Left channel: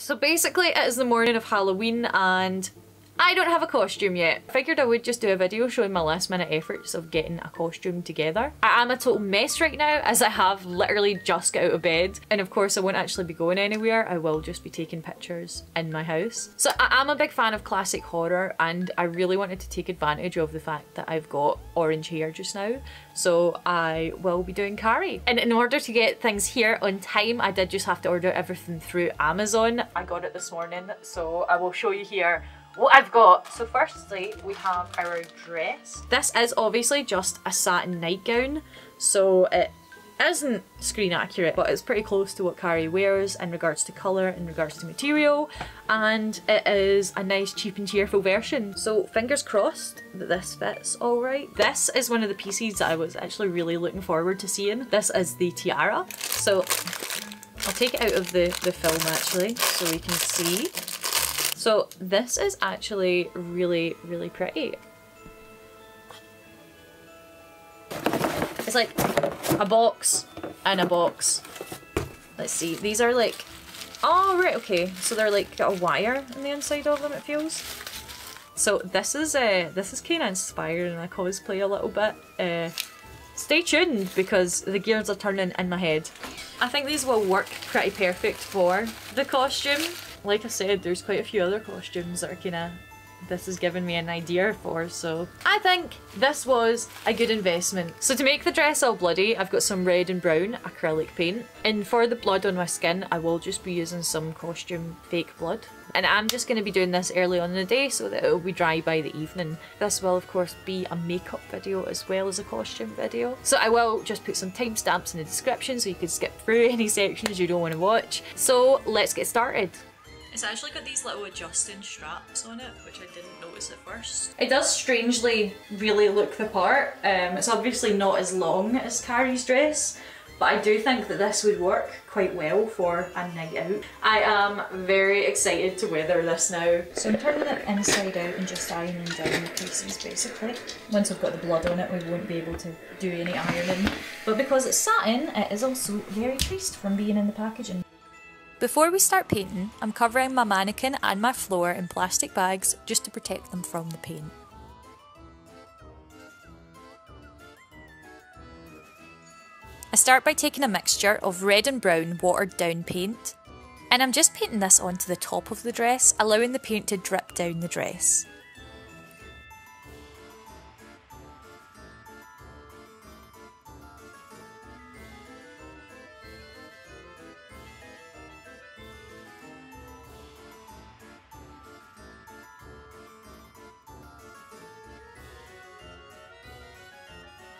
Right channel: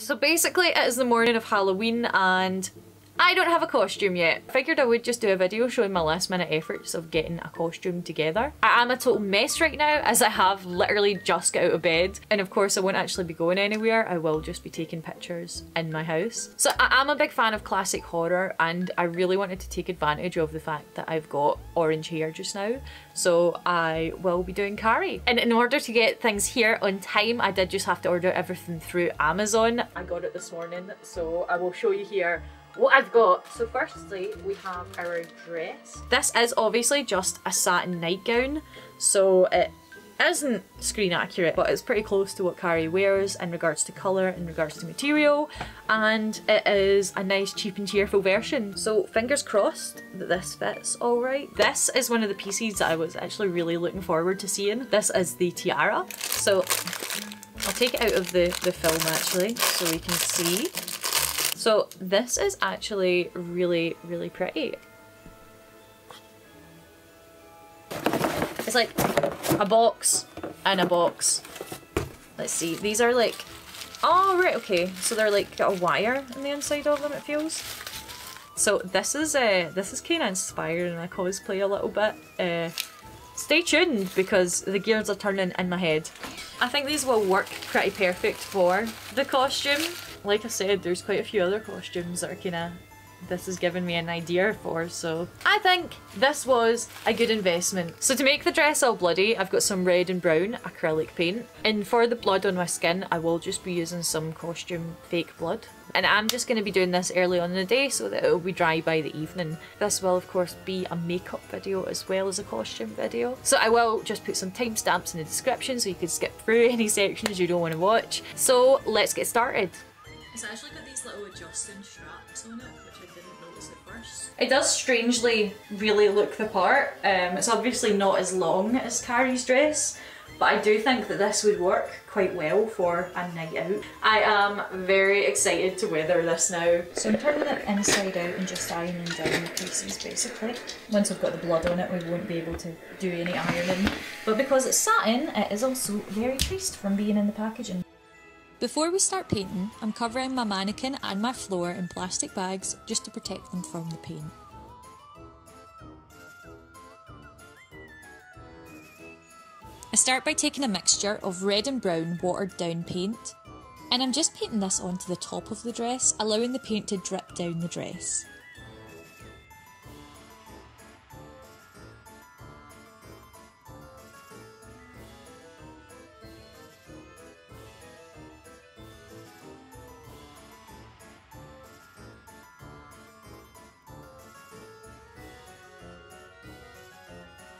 So basically it is the morning of Halloween and I don't have a costume yet. I figured I would just do a video showing my last minute efforts of getting a costume together. I am a total mess right now as I have literally just got out of bed, and of course I won't actually be going anywhere. I will just be taking pictures in my house. So I am a big fan of classic horror and I really wanted to take advantage of the fact that I've got orange hair just now. So I will be doing Carrie. And in order to get things here on time, I did just have to order everything through Amazon. I got it this morning, so I will show you here what I've got. So firstly, we have our dress. This is obviously just a satin nightgown, so it isn't screen accurate, but it's pretty close to what Carrie wears in regards to colour, in regards to material, and it is a nice cheap and cheerful version. So fingers crossed that this fits alright. This is one of the pieces that I was actually really looking forward to seeing. This is the tiara. So I'll take it out of the film actually so we can see. So this is actually really, really pretty. It's like a box and a box. Let's see, these are like, oh right, okay. So they're like got a wire on the inside of them, it feels. So this is kind of inspired in a cosplay a little bit. Stay tuned because the gears are turning in my head. I think these will work pretty perfect for the costume. Like I said, there's quite a few other costumes that are kinda, this has given me an idea for, so I think this was a good investment. So to make the dress all bloody, I've got some red and brown acrylic paint, and for the blood on my skin, I will just be using some costume fake blood. And I'm just going to be doing this early on in the day so that it will be dry by the evening. This will of course be a makeup video as well as a costume video. So I will just put some timestamps in the description so you can skip through any sections you don't want to watch. So let's get started. It's actually got these little adjusting straps on it, which I didn't notice at first. It does strangely really look the part. It's obviously not as long as Carrie's dress, but I do think that this would work quite well for a night out. I am very excited to weather this now. So I'm turning it inside out and just ironing down the pieces basically. Once we've got the blood on it, we won't be able to do any ironing. But because it's satin, it is also very creased from being in the packaging. Before we start painting, I'm covering my mannequin and my floor in plastic bags just to protect them from the paint. I start by taking a mixture of red and brown watered down paint, and I'm just painting this onto the top of the dress, allowing the paint to drip down the dress.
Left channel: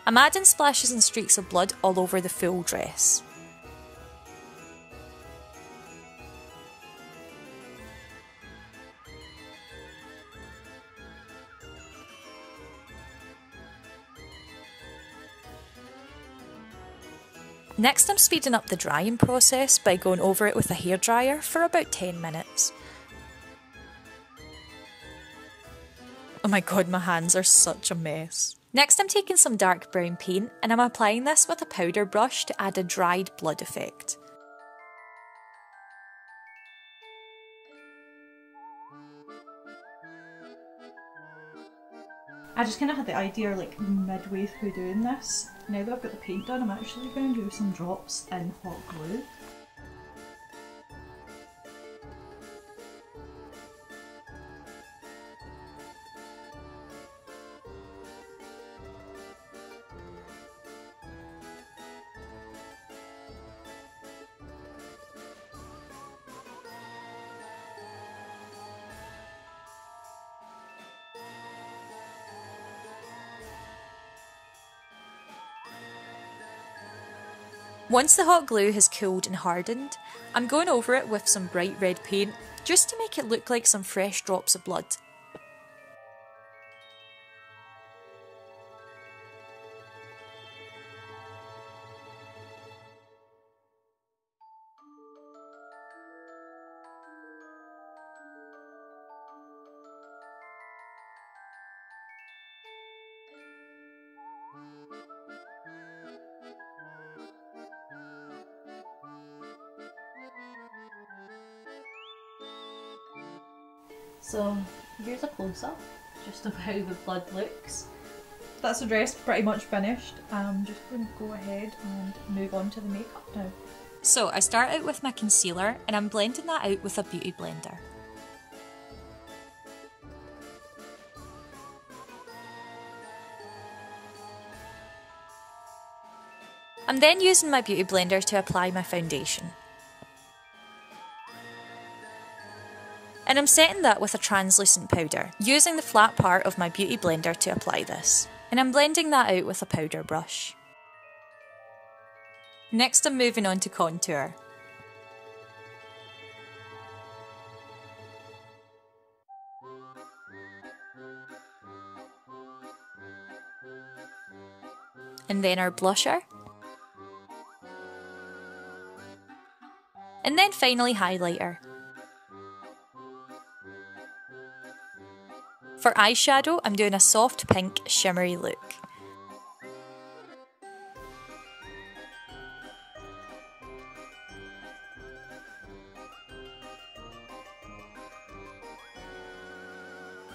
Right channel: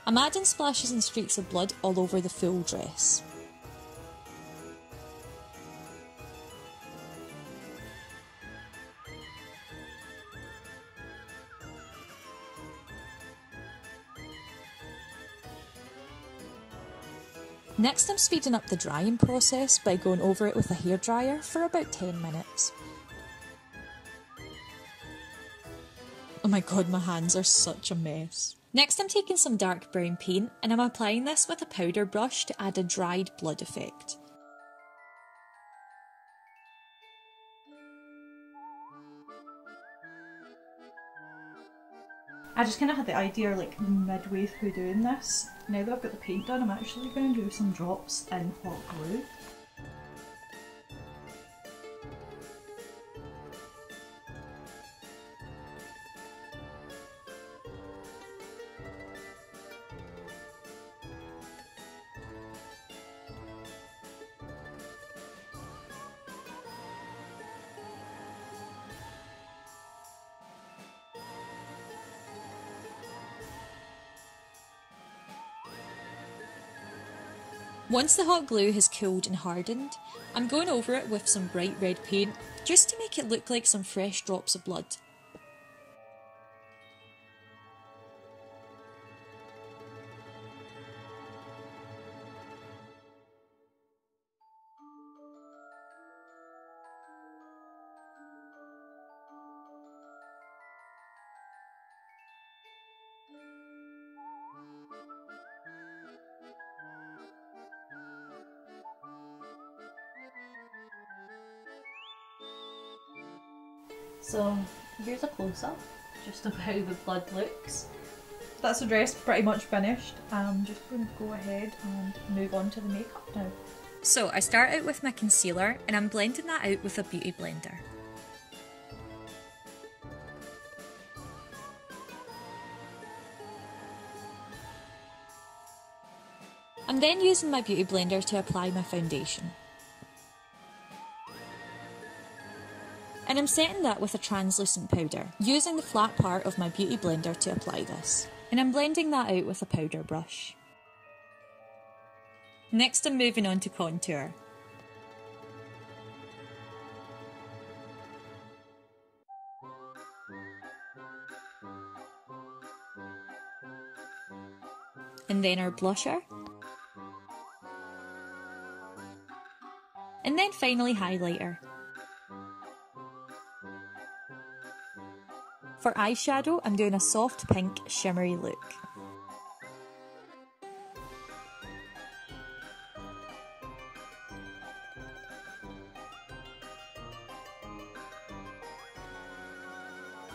I'm adding splashes and streaks of blood all over the full dress. Next, I'm speeding up the drying process by going over it with a hairdryer for about 10 minutes. Oh my god, my hands are such a mess. Next I'm taking some dark brown paint and I'm applying this with a powder brush to add a dried blood effect. I just kind of had the idea like midway through doing this. Now that I've got the paint done, I'm actually going to do some drops in hot glue. Once the hot glue has cooled and hardened, I'm going over it with some bright red paint just to make it look like some fresh drops of blood. So here's a close-up just of how the blood looks. That's the dress pretty much finished. I'm just going to go ahead and move on to the makeup now. So I start out with my concealer and I'm blending that out with a beauty blender. I'm then using my beauty blender to apply my foundation. And I'm setting that with a translucent powder, using the flat part of my beauty blender to apply this. And I'm blending that out with a powder brush. Next I'm moving on to contour. And then our blusher. And then finally highlighter. For eyeshadow, I'm doing a soft pink shimmery look.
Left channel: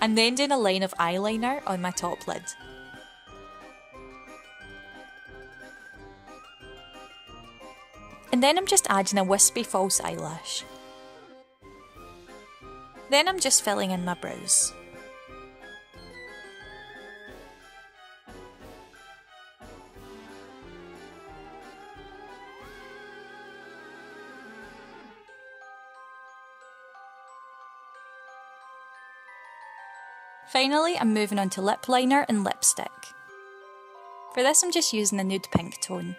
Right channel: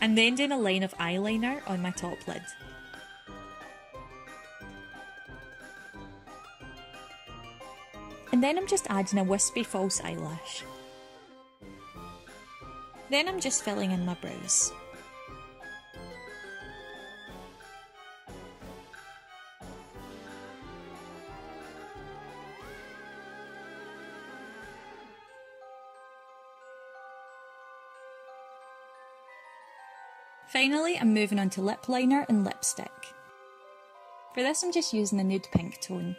I'm then doing a line of eyeliner on my top lid. And then I'm just adding a wispy false eyelash. Then I'm just filling in my brows. Finally, I'm moving on to lip liner and lipstick. For this I'm just using a nude pink tone.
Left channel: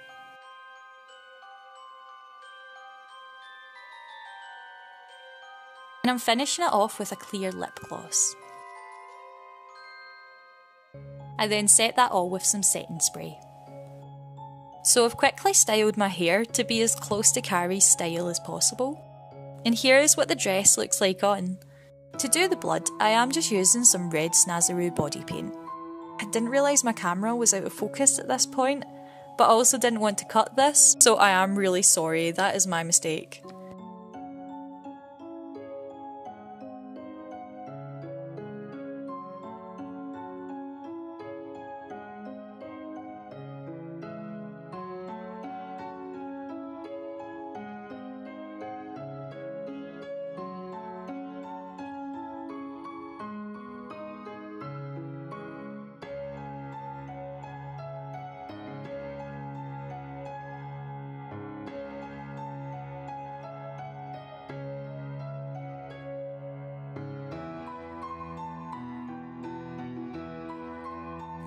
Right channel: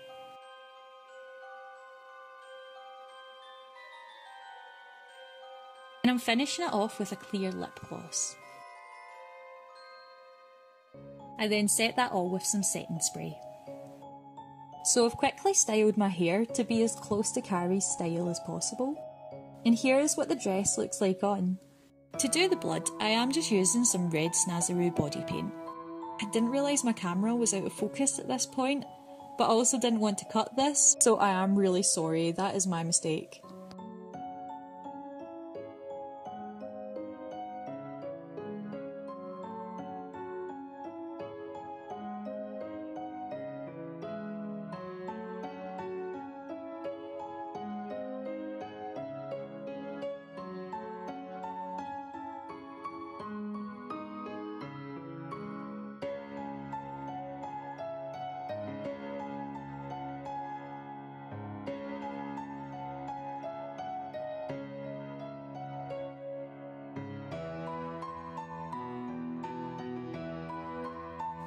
And I'm finishing it off with a clear lip gloss. I then set that all with some setting spray. So I've quickly styled my hair to be as close to Carrie's style as possible. And here is what the dress looks like on. To do the blood, I am just using some red Snazaroo body paint. I didn't realise my camera was out of focus at this point, but I also didn't want to cut this, so I am really sorry, that is my mistake.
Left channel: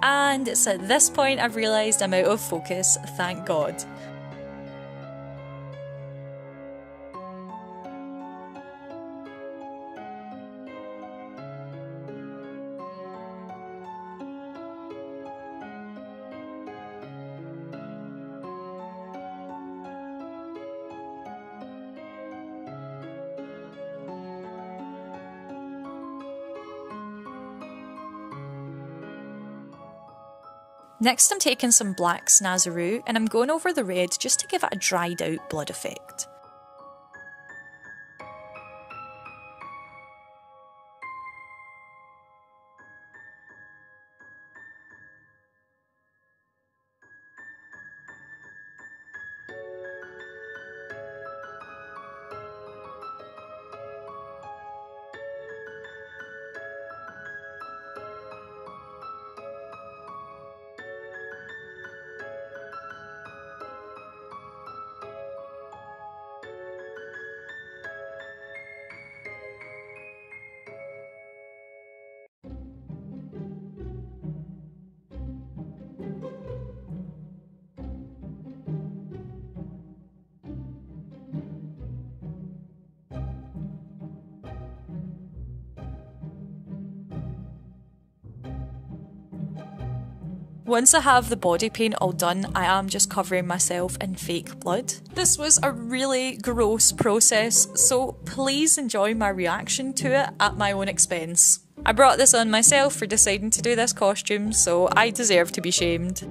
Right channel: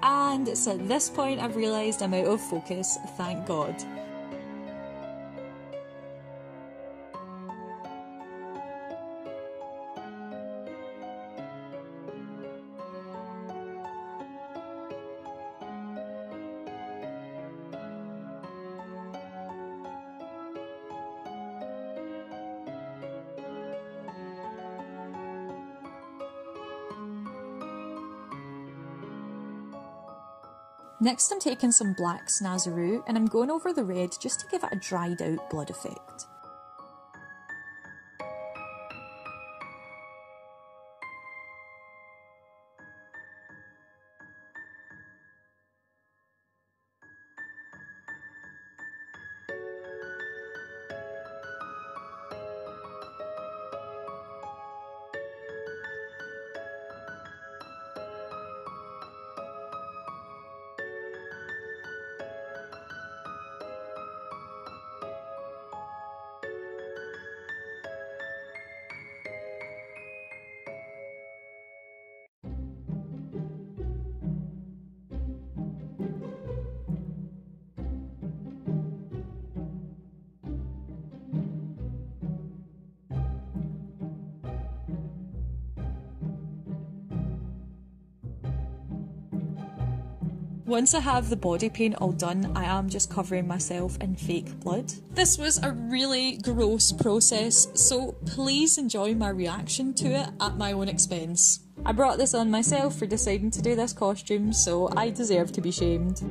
And it's at this point I've realised I'm out of focus, thank God. Next I'm taking some black Snazaroo and I'm going over the red just to give it a dried out blood effect. Once I have the body paint all done, I am just covering myself in fake blood. This was a really gross process, so please enjoy my reaction to it at my own expense. I brought this on myself for deciding to do this costume, so I deserve to be shamed.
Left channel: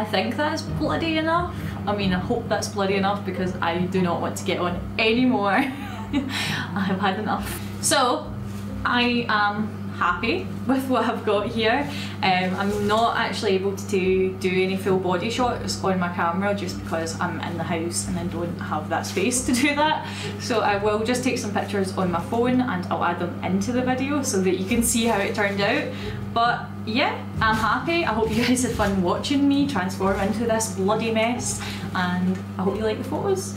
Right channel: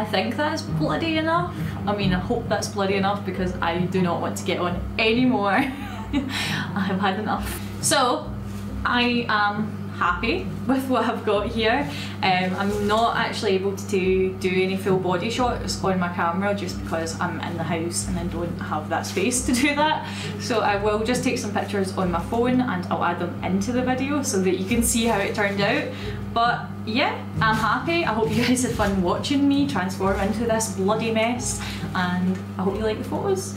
I think that's bloody enough. I mean, I hope that's bloody enough because I do not want to get on anymore. I have had enough. So I am happy with what I've got here. I'm not actually able to do any full body shots on my camera just because I'm in the house and I don't have that space to do that. So I will just take some pictures on my phone and I'll add them into the video so that you can see how it turned out. But yeah, I'm happy. I hope you guys had fun watching me transform into this bloody mess, and I hope you like the photos.